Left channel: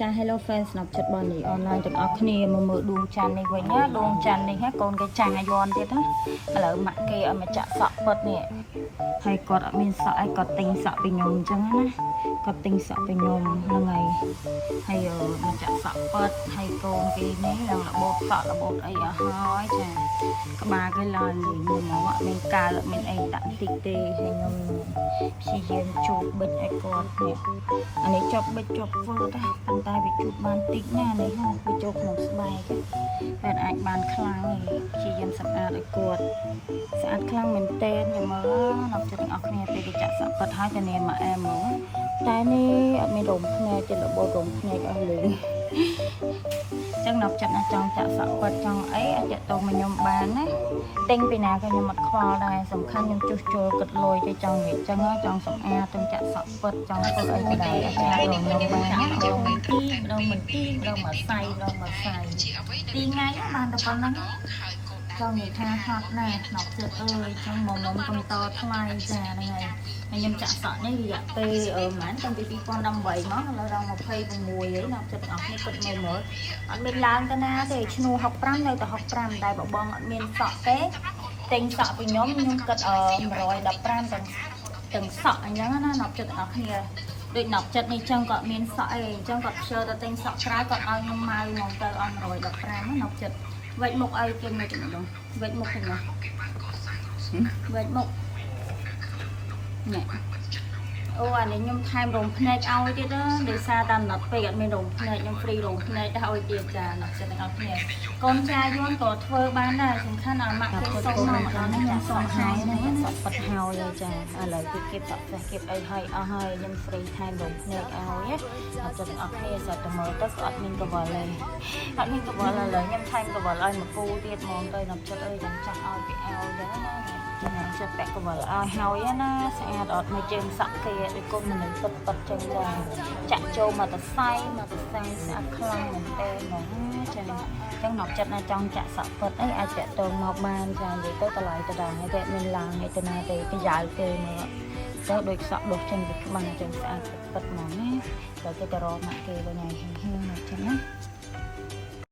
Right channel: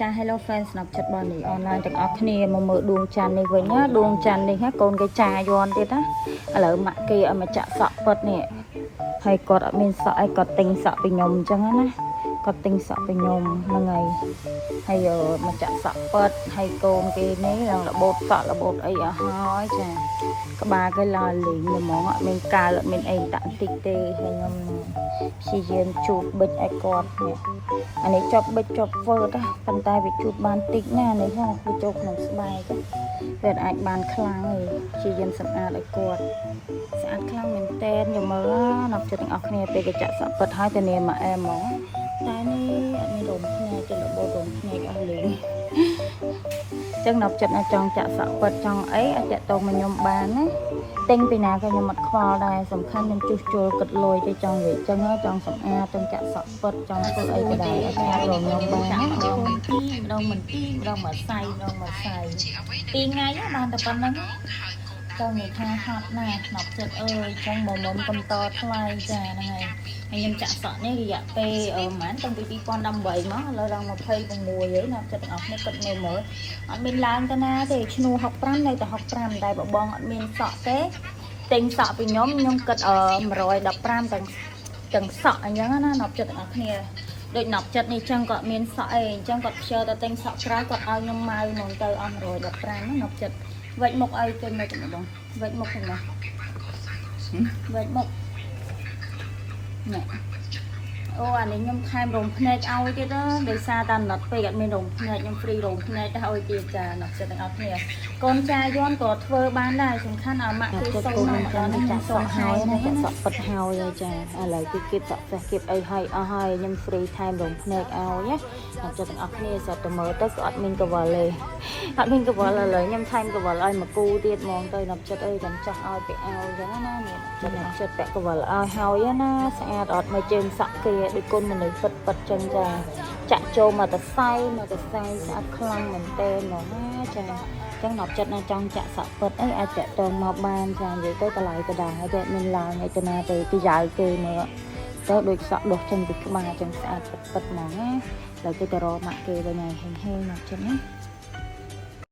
Cha hello fans ស្នាប់ចិត្តបងនេះ online ទាំងអស់គ្នាមកមើលដួងច័ន្ទនេះវិញណាដួងច័ន្ទនេះណាកូនគេចាយន់ទៀតណាឥឡូវម៉ាក់គេឲ្យមកចាក់សក់ពិតនេះហើយគាត់អត់មានសក់អីគាត់ទិញសក់ពីខ្ញុំអញ្ចឹងណាគាត់ទិញសក់ពីខ្ញុំហ្នឹងហើយមកចាក់សក់ពិតហើយកូនគេនេះរបូតសក់របូតអីអស់ហើយចាក្បាលគេឡើងលីងហ្មងអត់មានកាលអត់មានអីតាក់តិចទេហើយខ្ញុំព្យាយាមជូតបិចឲ្យគាត់នេះអានេះចប់បិចចប់ធ្វើទៅប៉ុន្តែវាជូតបានតិចណានេះហ្នឹងវាចូលក្នុងស្បែកវាអាចបានខ្លាំងទេព្យាយាមសម្អាតឲ្យគាត់ស្អាតខ្លាំងមែនតើយកមើលណាអ្នកចិត្តអស់គ្នាពេលគេចាក់សក់ពិតហើយទៅនាមមកអែហ្មងតែនេះអត់មានរោមភ្នែកទេរបូតរោមភ្នែកអស់លេងចឹងអ្នកចិត្តណាចង់ចាក់សក់ពិតចង់អីអាចតាក់ទងមកខ្ញុំបានណាទិញពីណាក៏ខ្ញុំអត់ខ្វល់ដែរសំខាន់ខ្ញុំជួសជុលគិតលុយទៅចង់វិញចឹងចង់សម្អាតទាំងចាក់សក់ពិតចង់ធ្វើអីក៏ដែរអាចរងខ្ញុំបានណាដងមិនទីដងមិនទីដងមកសៃដងមកសៃពីថ្ងៃបានតែប៉ុណ្្នឹងទៅមានថាហត់ណាស់ស្នប់ចិត្តអើយចឹងមកមុំកំតថ្លៃចាហ្នឹងហើយខ្ញុំចាក់សក់នេះរយៈពេលប្រហែលតាំងពី2018មកឥឡូវដល់26ហើយអ្នកចិត្តអស់នេះពិតមើលមើលអត់មានឡើងទៅណាទេឈ្នួល65នៅតែ65តែបងអត់មានសក់ទេទិញសក់ពីខ្ញុំគិត115ទាំងសក់អញ្ចឹងណាអ្នកចិត្តអស់គ្នាដូចអ្នកចិត្តនេះចឹងគាត់មានសក់អីអញ្ចឹងគាត់ខ្ជិលតែទិញសក់ក្រៅគាត់ឲ្យខ្ញុំម៉ៅហ្មងទៅអស់115ណាអ្នកចិត្តវេចមុខឲ្យចេញមកតែម្ដងវេចមុខហ្នឹងណាវេចមុខណែអូអានេះខ្ញុំថែមរោមភ្នែកឲ្យទៀតណាដោយសារតាមណត់ពេកអត់មានរោមភ្នែកខ្ញុំហ្វ្រីរោមភ្នែកទៅឲ្យទៀតចាណត់ចិត្តទាំងអស់គ្នាកូនចាយន់ក៏ធ្វើបានដែរសំខាន់ឲ្យម៉ាក់គេសូមមកដល់នេះខ្ញុំសូមហើយហ្នឹងសក់ពិតហើយចាឥឡូវគេចាក់ចាស់គៀបអីឲ្យអស់ហើយខ្ញុំហ្វ្រីថែមរោមភ្នែកឲ្យណាចិត្តទាំងអស់គ្នាចូលទៅមើលទៅក៏អត់មានកវល់ទេអត់មានកវល់ឥឡូវខ្ញុំថែមកវល់ឲ្យមកពូទៀតហ្មងទៅណត់ចិត្តអីខ្ញុំចង់ឲ្យគេឲ្យចឹងណាចិត្តពាក់កវលឲ្យហើយណាស្អាតអត់នៅជើងសក់ទេដូចគុណមនុស្សសុទ្ធប៉ិតចឹងបងចាក់ចូលមកទៅផ្សែងស្អាតខ្លាំងមែនតើណាចាចឹងមកចិត្តណាចង់ចាក់សក់ពិតអាចចាក់តមកបានចានិយាយទៅតម្លៃទៅដល់ហើយវាមានឡើងឯទៅណាទៅពីយ៉ាវគេមកទៅដូចសក់ដុសចេញពីក្បាលចឹងស្អាតពិតហ្មងណាហើយគេទៅរកម៉ាក់គេវិញហើយហេមកចឹងណា